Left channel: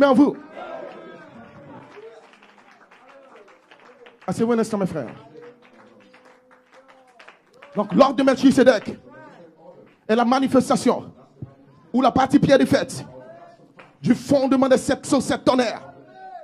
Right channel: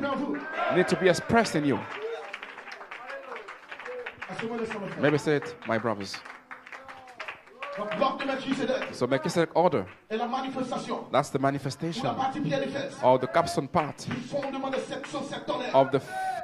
s'exprimer en vous. need to be expressed in you. Assez-vous un instant, mes frères. Maybe say it, my brothers. Donc, l'ordre de Melchisedec So Melchizedek order, est la manifestation that's the ou manifestation la partie pierre des fêtes or the capstone part du fondement des 707 tonnerres.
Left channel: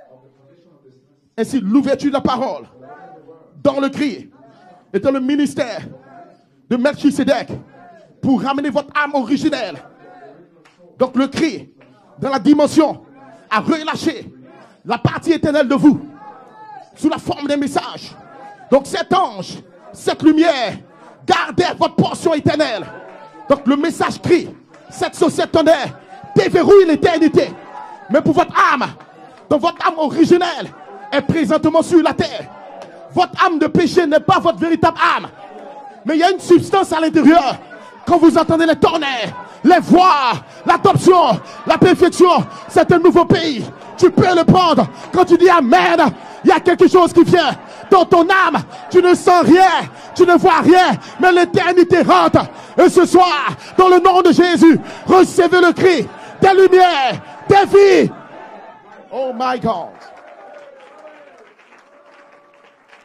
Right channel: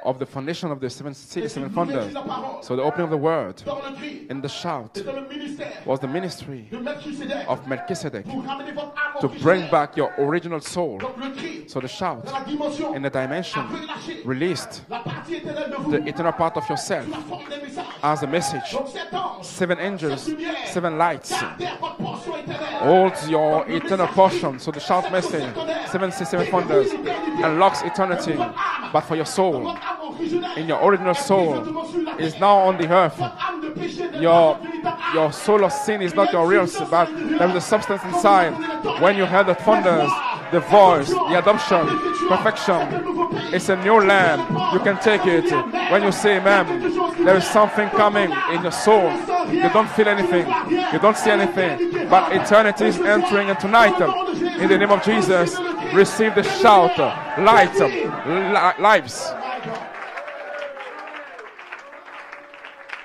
of the foundation of the seven Ainsi, seven l'ouverture de thunder. la parole So the opening of the word dans le cri in the shout et dans le ministère was the ministry de Melchisedec of Melchizedek pour ramener votre âme to bring originelle. back your original soul. Donc, le cri So the shout dans la dimension in the a dimension relâché released la partie éternelle de vous the eternal part of yourself sous la forme d'un message. as a message. Donc, cet ange, Seven angels, cette lumière, seven lights gardez votre portion éternelle. holds your Donc, le eternal message crie portion. So the shout 707 message tonnerres 767 déverrouille thunders l'éternité. unlocks Mais eternity. pour votre âme, But for your soul, donc votre âme originelle your original est soul présentement sur la is terre. now on the earth. Votre âme de péché n'est Your- pas votre véritable âme. Your soul of sin is Mais il y a not une your real substance à soul. l'intérieur. There's a substance Quand vous inside. entendez les When you tonnerres, hear the les thunder, voix, the voice, l'adoption, the adoption, la perfection, perfection. c'est un nouveau pays. It's a new Tu land. peux le prendre. You can take Quand tu it. dis When Amen, you say il y a amen, quelque chose qui there is fait. something Dans ton coming âme, in your soul. tu ne sens rien, You don't feel tu ne anything. vois rien, You don't see mais anything. l'éternité But rentre. eternity Et is ce soir, entering tonight. dans le nom de Jésus, In the name of Jesus, recevez le cri receive the des shout, lumières, des light, vies. lives. Oh my God.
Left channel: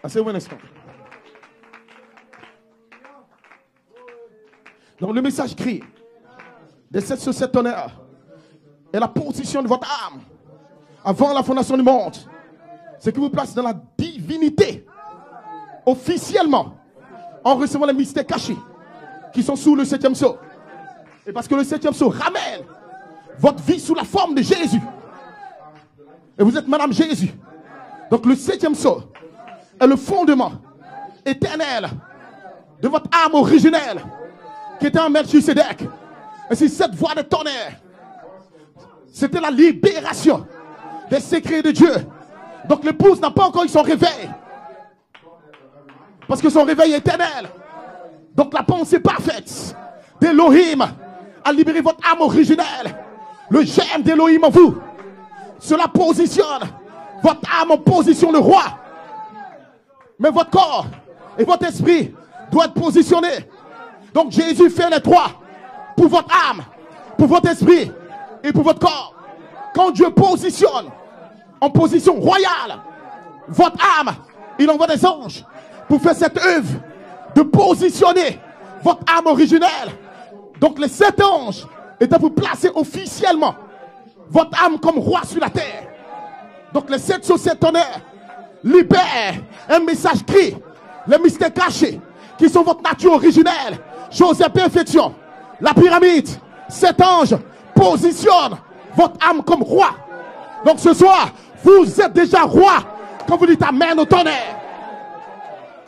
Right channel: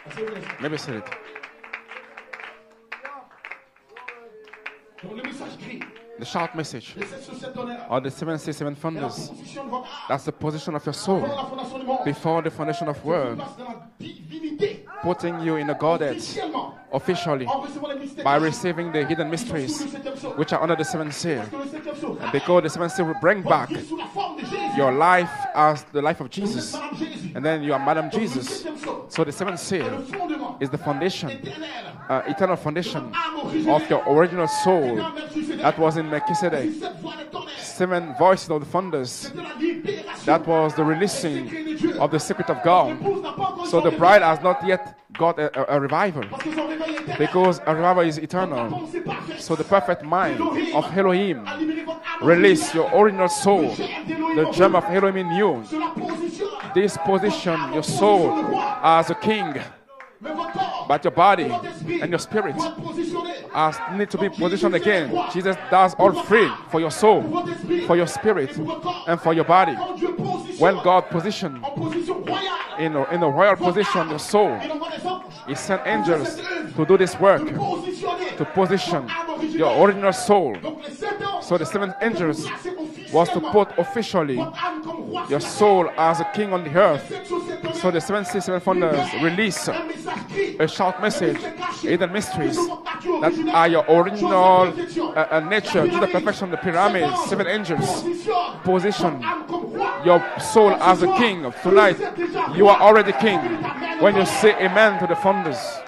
Assez-vous un instant. Maybe say it. Donc le message crie The shout message des 707 tonnerres or the 767 est la thunders. position de votre âme That's the position of your soul avant la fondation du monde. before the foundation of C'est qui vous world, place dans la divinité putting you in the Godhead officiellement officially en recevant les mystères by cachés receiving the hidden qui sont sous le mysteries 7e sceau. which are under the seventh seal. Parce que le 7e sceau ramène Because the seventh seal will bring votre back vie sous la forme de Jésus. your life as the life of Et vous êtes Jesus. Madame Jésus. And then you are Madam Donc le Jesus. 7e sceau So the seventh est le seal fondement is the foundation, éternel eternal de foundation votre âme of originelle your original soul qui était en Melchisedec. that was in Et Melchizedek. c'est cette voix de tonnerre. Seven voices of the thunders. C'était la libération That was the des releasing secrets de Dieu. of the secret of Donc God. l'épouse n'a pas encore eu son So the bride réveil has not yet got a revival. parce que son réveil est éternel. Because a revival is Donc la eternal. pensée parfaite So the perfect mind d'Elohim of Elohim a libéré votre âme release originelle. your original soul. Le germe d'Elohim en The gem vous. of Elohim in you. Cela positionne This votre position, âme en your position de soul roi. as a king, Mais votre corps but your et body votre esprit and your spirit doivent être positionnés as need to be Donc, Jésus positioned fait les again. trois. Jesus does Pour all votre three âme, for your soul, pour votre esprit for your spirit, et pour votre corps. and for your body. Quand Dieu positionne When God positioned en position royale in a royal votre position, âme, your soul, il envoie des anges He sent pour faire angels cette œuvre to do this work, de positionner to position votre âme your originelle. original soul. Donc les 7 anges So the seven étaient pour angels placer Was to officiellement put officially votre âme comme roi sur your la terre. soul as a king on the Donc les earth. 7 sur 7 So tonnerres the 767 thunders libèrent release un message cri, a shout les message mystères cachés hidden mysteries qui sont votre nature that are originelle. your original Chose et perfection. nature, La pyramide, the perfection of the 7 pyramid, anges seven angels positionnent position votre âme comme roi. your soul Donc ce as a soir, king. vous Tonight, êtes déjà you roi. are already king. Quand vous dites Amen au When you tonnerre. say amen to the thunders,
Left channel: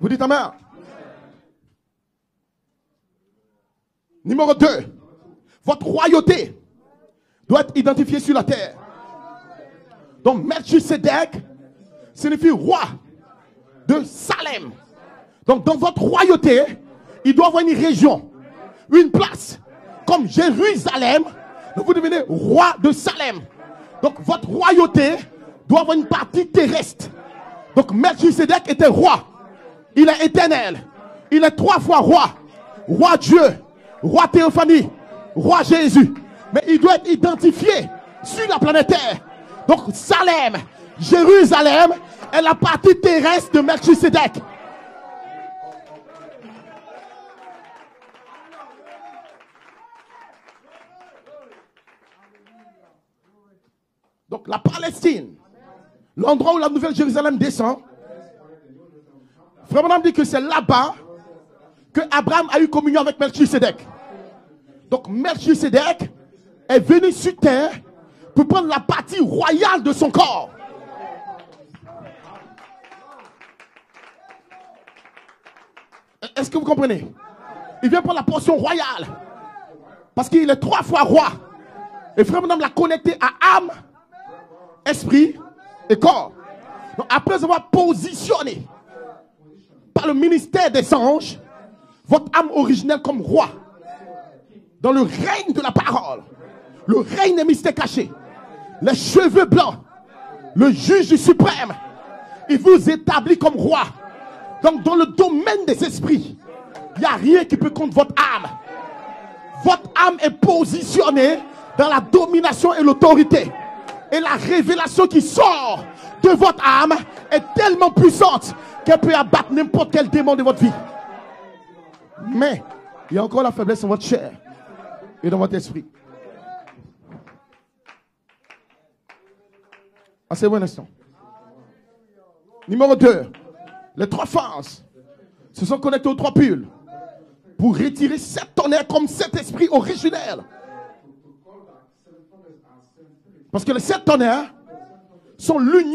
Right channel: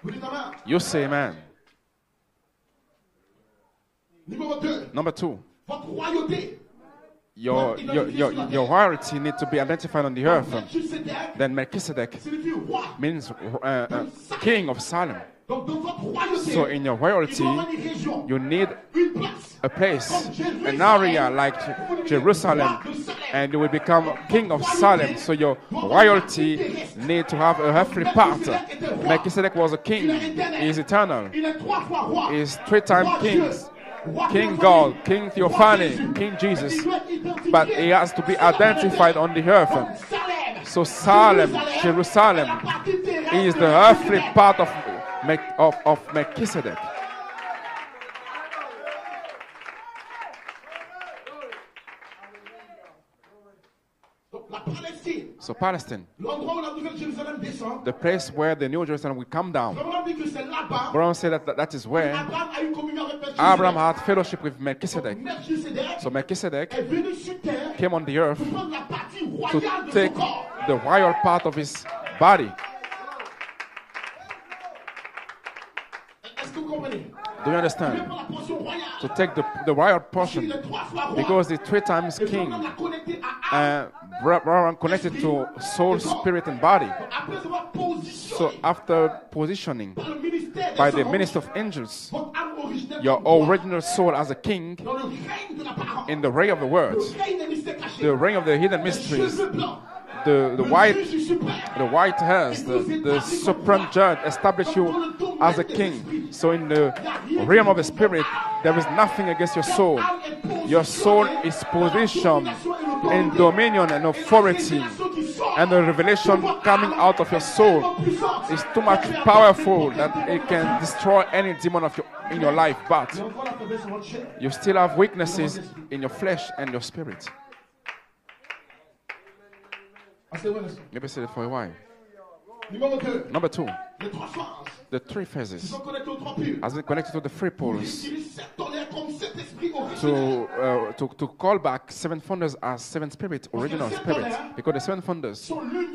Vous dites Amen. you say amen. Numéro 2, Number two, votre royauté doit être identifiée sur la your terre. royalty need to be identified on the Donc earth. Melchisedec Then Melchizedek signifie roi. means De Salem. king of Salem. Donc dans votre royauté, So in your royalty, il doit avoir une région, you need une place, a place, comme an area Jérusalem. like Vous devenez Jerusalem, roi de Salem. and you will become Donc votre king of royauté Salem. So your doit avoir une partie royalty terrestre. need to have a Donc earthly part. Melchisedec était roi. Melchizedek was a king. Il est éternel. He is eternal. Il est 3 fois roi. He is 3 times Roi king. Dieu, roi Théophanie, God, King roi Theophany, Jésus. King Jesus. Mais il doit être But he identifié has to be sur la planète identified Terre. on the earth. Donc Salem, So Salem, Jérusalem Jerusalem est la partie He terrestre is de the earthly Melchisedec. part of Melchizedek. Donc la Palestine, So Palestine, l'endroit où la nouvelle Jérusalem descend, the place where the New Jerusalem will come down. Abraham dit que c'est là-bas Abraham said that is que where Abraham a eu communion avec Melchisedec. Abraham had fellowship with Donc Melchizedek. Melchisedec So Melchizedek est venu sur terre came on the earth pour prendre la partie royale de to son take corps. the royal part of his body. Est-ce que vous comprenez? Do you Il understand? vient prendre la portion royale Take the royal parce portion qu'il est 3 fois roi. because the 3 times Et frère king. Branham l'a connecté à âme. Abraham connected esprit to soul, et corps. spirit, and body. Donc, après avoir So positionné after positioning par le ministère des by the anges ministry of angels, votre âme originelle your comme roi original soul as a king dans le règne de la in parole, the reign of the le word, règne des mystères cachés, the reign of the hidden les mysteries, cheveux blancs, le juge suprême, the white hairs, il vous the établit comme roi. supreme judge, establish Donc you dans le as domaine a des king. esprits, So in the il n'y a rien qui realm peut of the contre votre spirit, âme. there is nothing against your soul. Votre âme est Your soul positionnée is dans la positioned domination et in l'autorité. dominion and Et la authority. révélation qui sort And the revelation de votre âme coming out of your est soul tellement puissante It's too qu'elle much peut abattre n'importe powerful quel that démon de it votre vie. can destroy any demon of in Mais your life. But il y a encore la faiblesse dans votre chair. you still have Et dans votre weaknesses esprit. in your flesh and your spirit. Asseyez-vous un instant. Maybe say it for a while. Numéro 2. Number 2, Les 3 phases the 3 phases. se sont connectées aux 3 pôles As it connected to the 3 pour poles, retirer 7 tonnerres comme 7 esprits originels. to call back 7 thunders as 7 spirits. Parce que les original 7 tonnerres spirits. Because the 7 thunders sont l'union